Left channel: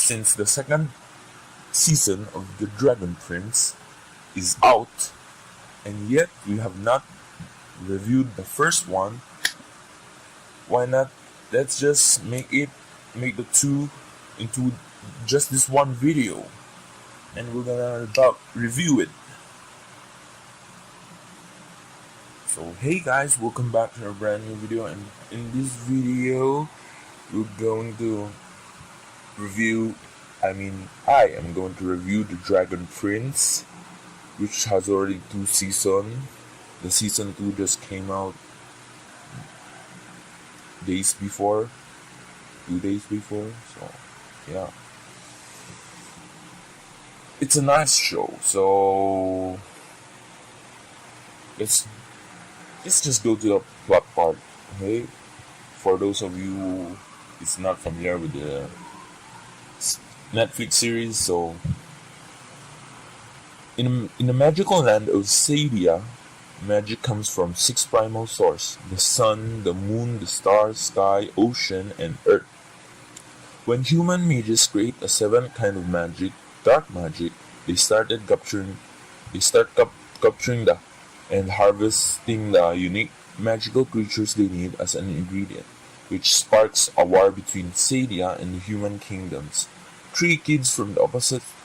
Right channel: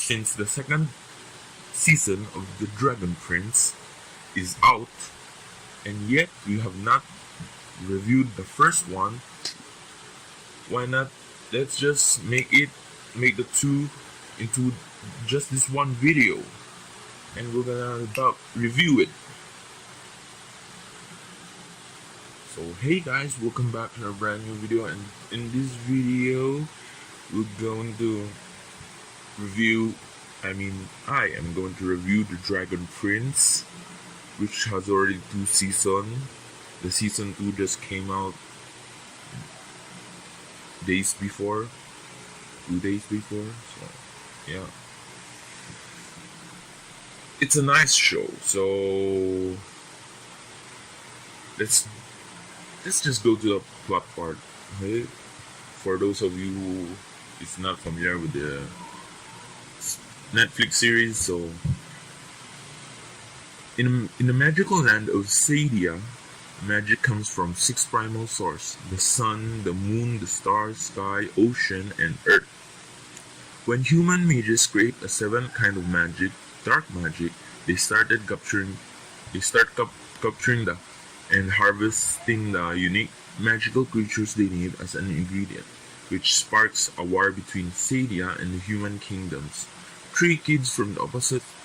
since the second season of The Dragon Prince is out, and yet we have not reviewed the first one, why not let's just make the two into just this one video, and we're gonna about review it. So hey guys, welcome back to a brand new video, and in this video we're going to review I am going to review The Dragon Prince, which has already 2 seasons. The season 2 just came out days before, 2 days before, so yeah. It's a nice show, so let's just go to the plot part. Okay? For those of you who is not familiar with the Netflix series, so in the magical land of Sadia, magic comes from 6 primal sources: the sun, the moon, the stars, sky, ocean, and earth. When human mages create a 7th kind of magic, dark magic, they start capturing the and harvesting the unique magical creatures they need as an ingredient, which sparks a war between Sadia and the human kingdoms. 3 kids from the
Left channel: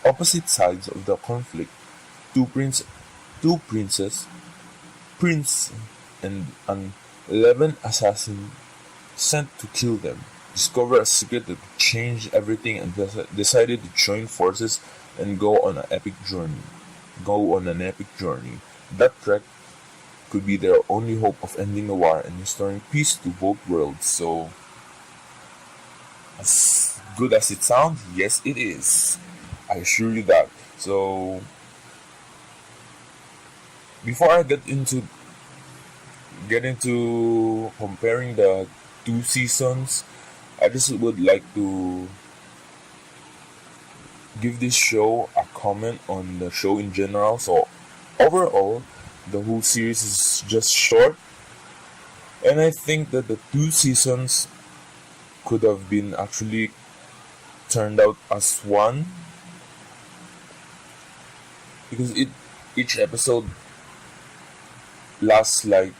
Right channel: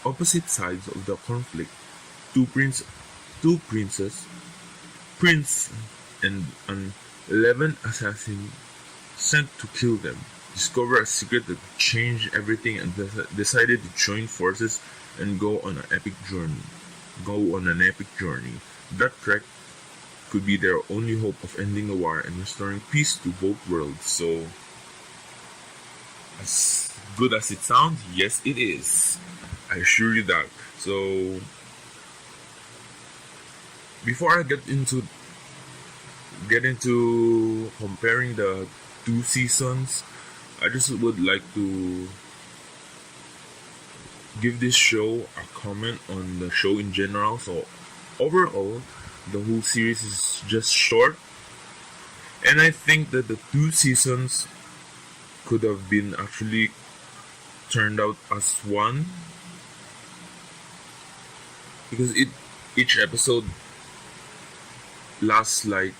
opposite sides of the conflict, two princes, prince, and an 11 assassin sent to kill them, discover a secret that changed everything and decided to join forces and go on an epic journey. That trek could be their only hope of ending the war and restoring peace to both worlds. So, as good as it sounds, yes it is. I assure you that. So, before I get into comparing the 2 seasons, I just would like to give this show a comment on the show in general. So overall, the whole series is just short, and I think that the 2 seasons could have been actually turned out as one, because each episode lasts like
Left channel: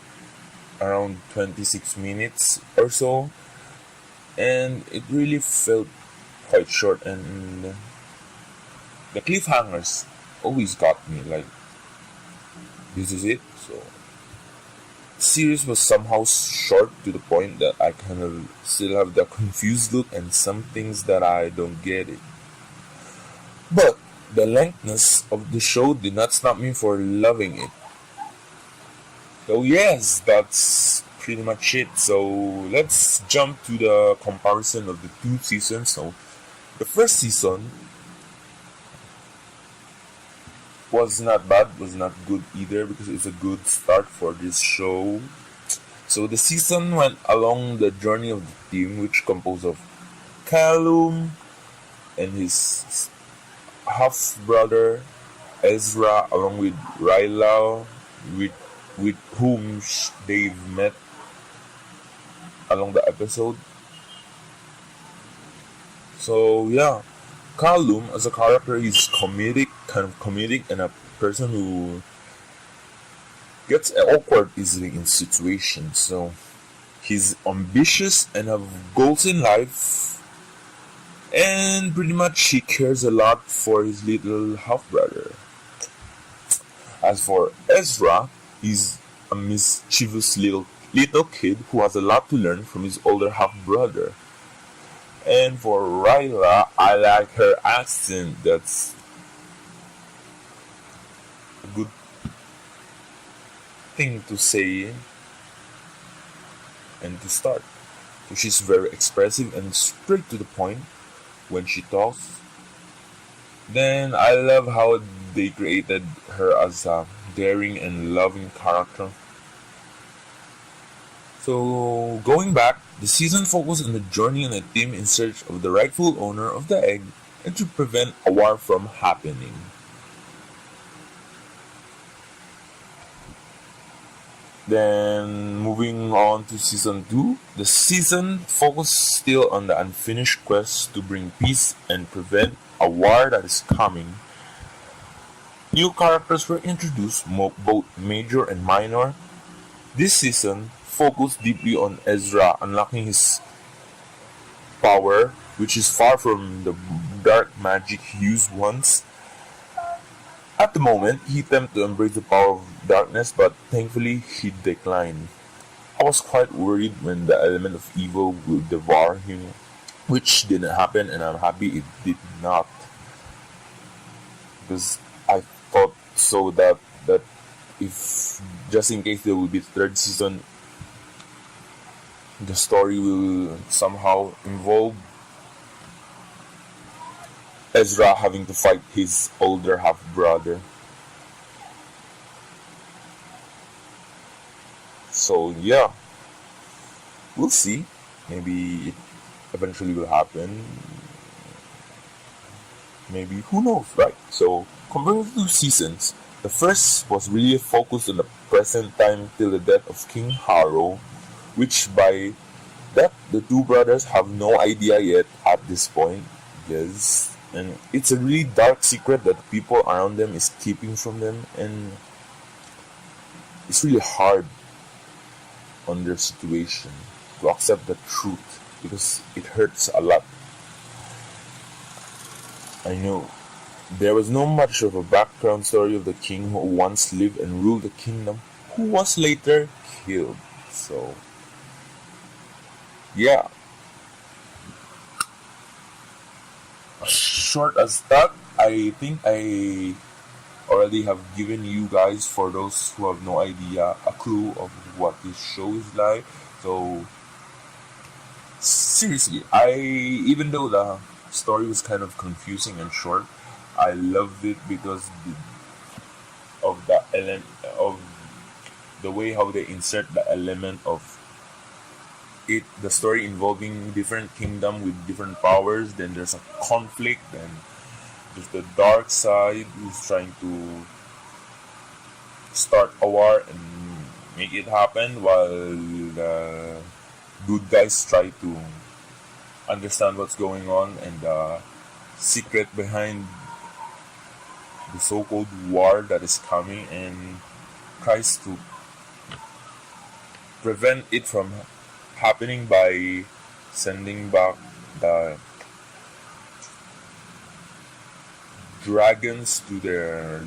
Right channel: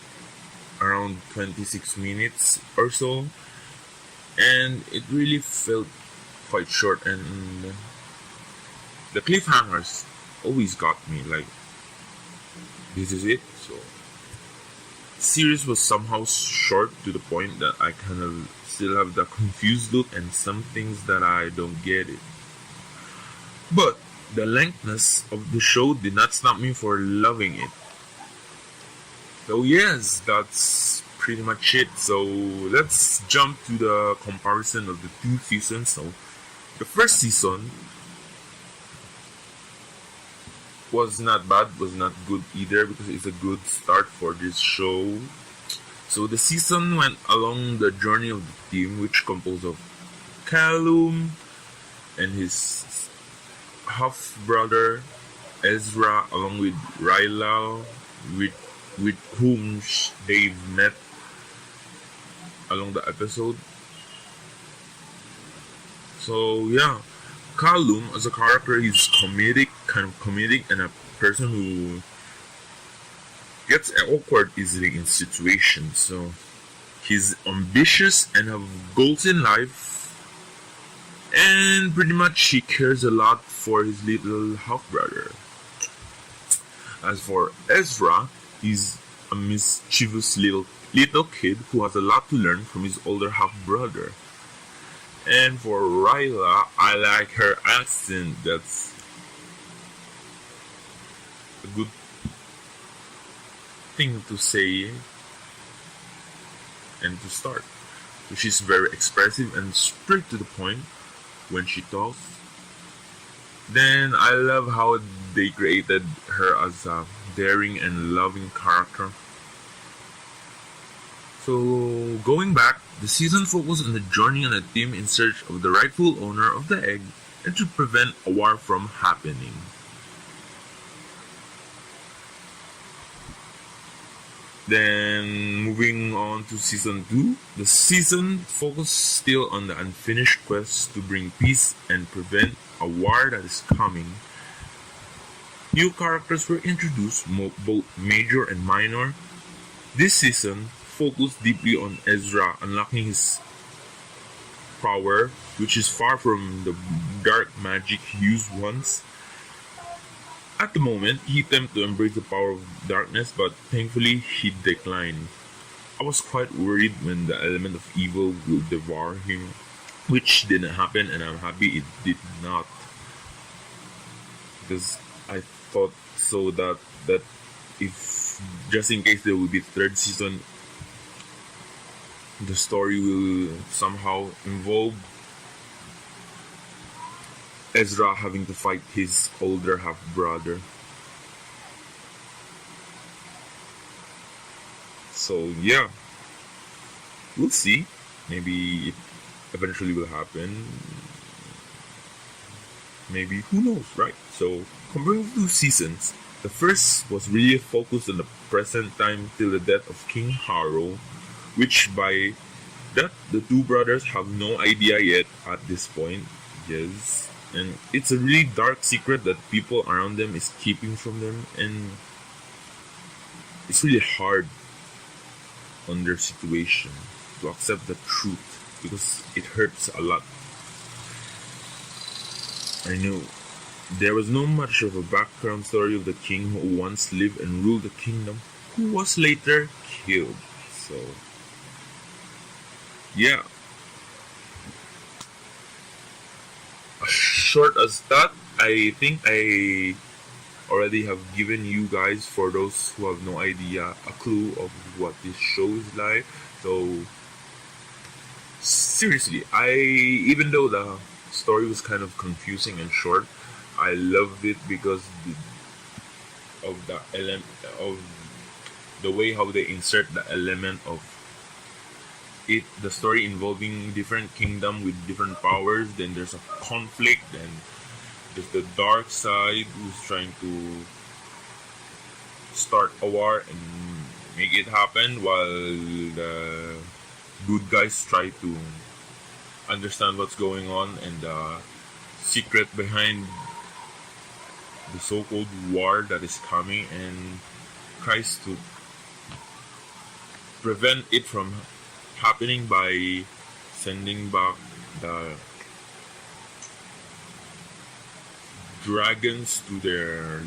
around 26 minutes or so, and it really felt quite short, and the cliffhangers always got me, like, this is it. So the series was somehow short to the point that I kind of still have the confused look and some things that I don't get it. But the lengthness of the show did not stop me for loving it. So yes, that's pretty much it. So let's jump to the comparison of the 2 seasons. So the first season was not bad, was not good either, because it's a good start for this show. So the season went along the journey of the team, which composed of Callum and his half brother Ezra, along with Ryla, with whom they met along the episode. So yeah, Callum as a character, he's kind of comedic, and a person who gets awkward easily in situations. So he's ambitious and have goals in life, and pretty much he cares a lot for his little half brother. As for Ezra, he's a mischievous little kid who has a lot to learn from his older half brother. And for Ryla, I like her accent. That's a good thing to say and to start. So she's very expressive and straight to the point when she talks. Then I love how they created her as a daring and loving character. So going back, the season focused on the journey on a team in search of the rightful owner of the egg and to prevent a war from happening. Then moving on to season 2, the season focused still on the unfinished quest to bring peace and prevent a war that is coming. New characters were introduced, both major and minor. This season focused deeply on Ezra unlocking his power, which is far from the dark magic he used once. At the moment, he attempted to embrace the power of darkness, but thankfully he declined. I was quite worried when the element of evil would devour him, which didn't happen, and I'm happy it did not, because I thought so that if just in case there will be third season, the story will somehow involve Ezra having to fight his older half brother. So yeah, we'll see. Maybe it eventually will happen. Maybe, who knows, right? So comparing the two seasons, the first was really focused on the present time till the death of King Harrow, which by that the two brothers have no idea yet at this point. Yes, and it's a really dark secret that people around them is keeping from them, and it's really hard on their situation to accept the truth because it hurts a lot. I know there was no much of a background story of the king who once lived and ruled the kingdom, who was later killed. So yeah, short as that, I think I already have given you guys, for those who have no idea, a clue of what this show is like. So seriously, I even though the story was kind of confusing and short, I loved it because of the element of the way how they insert the element of it, the story involving different kingdom with different powers. Then there's a conflict, and there's the dark side who's trying to start a war and make it happen, while the good guys try to understand what's going on and the secret behind the so-called war that is coming, and tries to prevent it from happening by sending back the dragons to their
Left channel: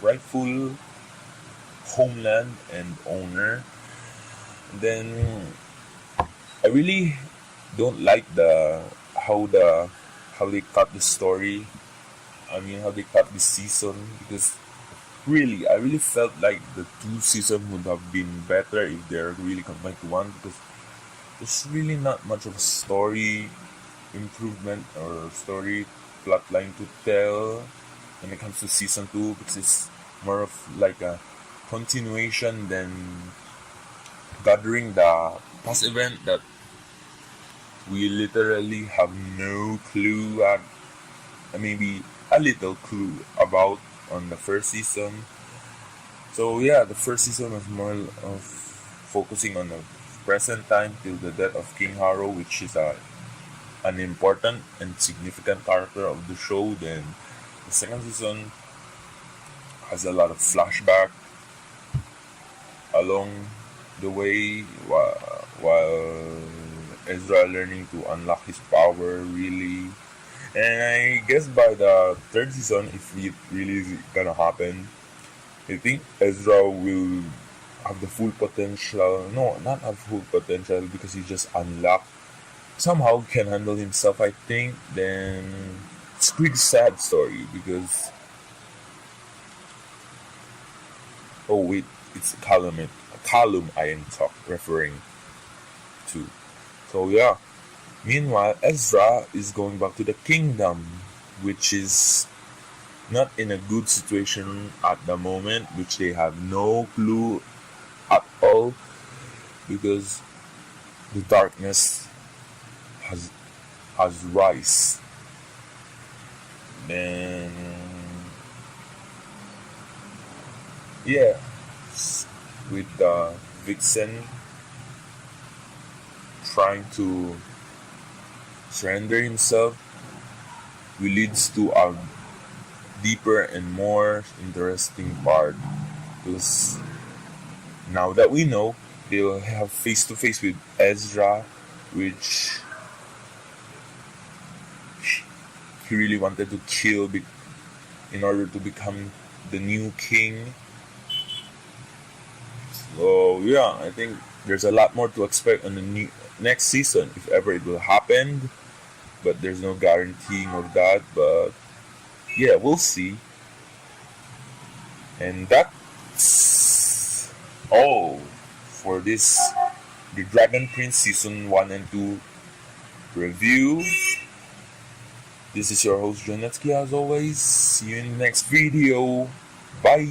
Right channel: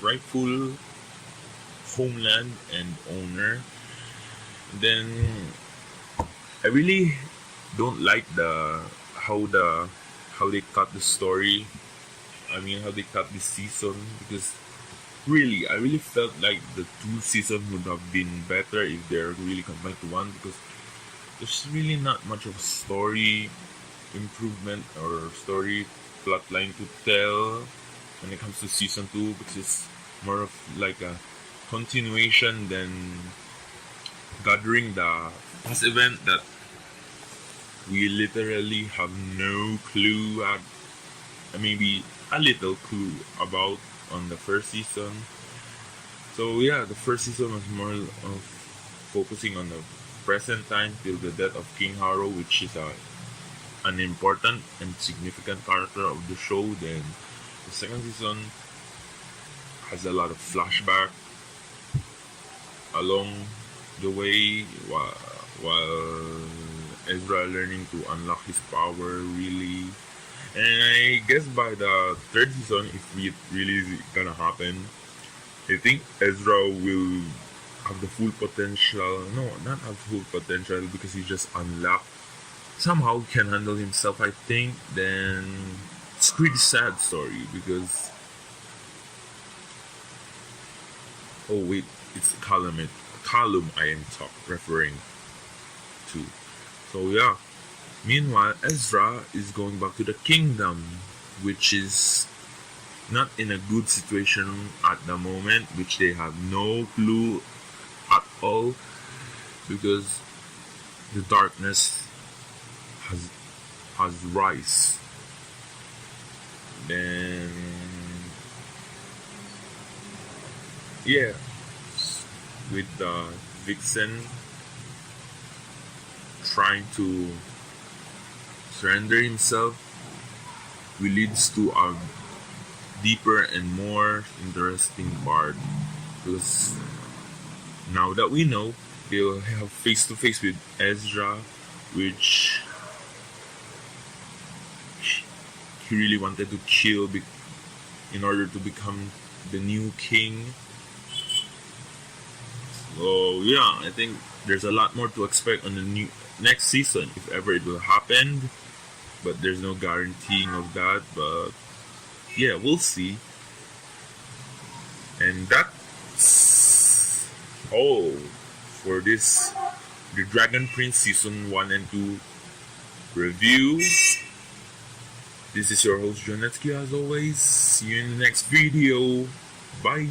rightful homeland and owner. Then I really don't like how they cut the story. I mean, how they cut this season, because really I really felt like the two seasons would have been better if they're really combined to one, because there's really not much of a story improvement or story plotline to tell when it comes to season 2, because it's more of like a continuation than gathering the past event that we literally have no clue at, maybe a little clue about on the first season. So yeah, the first season was more of focusing on the present time till the death of King Harrow, which is an important and significant character of the show. Then the second season has a lot of flashback along the way, while Ezra learning to unlock his power really. And I guess by the third season, if it really is gonna happen, I think Ezra will have the full potential. No, not have full potential, because he just unlocked. Somehow can handle himself, I think. Then it's a pretty sad story because, oh wait, it's a column I am referring to. So yeah. Meanwhile, Ezra is going back to the kingdom, which is not in a good situation at the moment, which they have no clue at all, because the darkness has rise. Then yeah, with Vixen trying to surrender himself, will leads to a deeper and more interesting part, because now that we know, they'll have face to face with Ezra, which he really wanted to kill in order to become the new king. So yeah, I think there's a lot more to expect on the next season, if ever it will happen. But there's no guaranteeing of that. But yeah, we'll see. And that's all for this The Dragon Prince Season 1 and 2 review. This is your host Jonetzki as always. See you in the next video. Bye.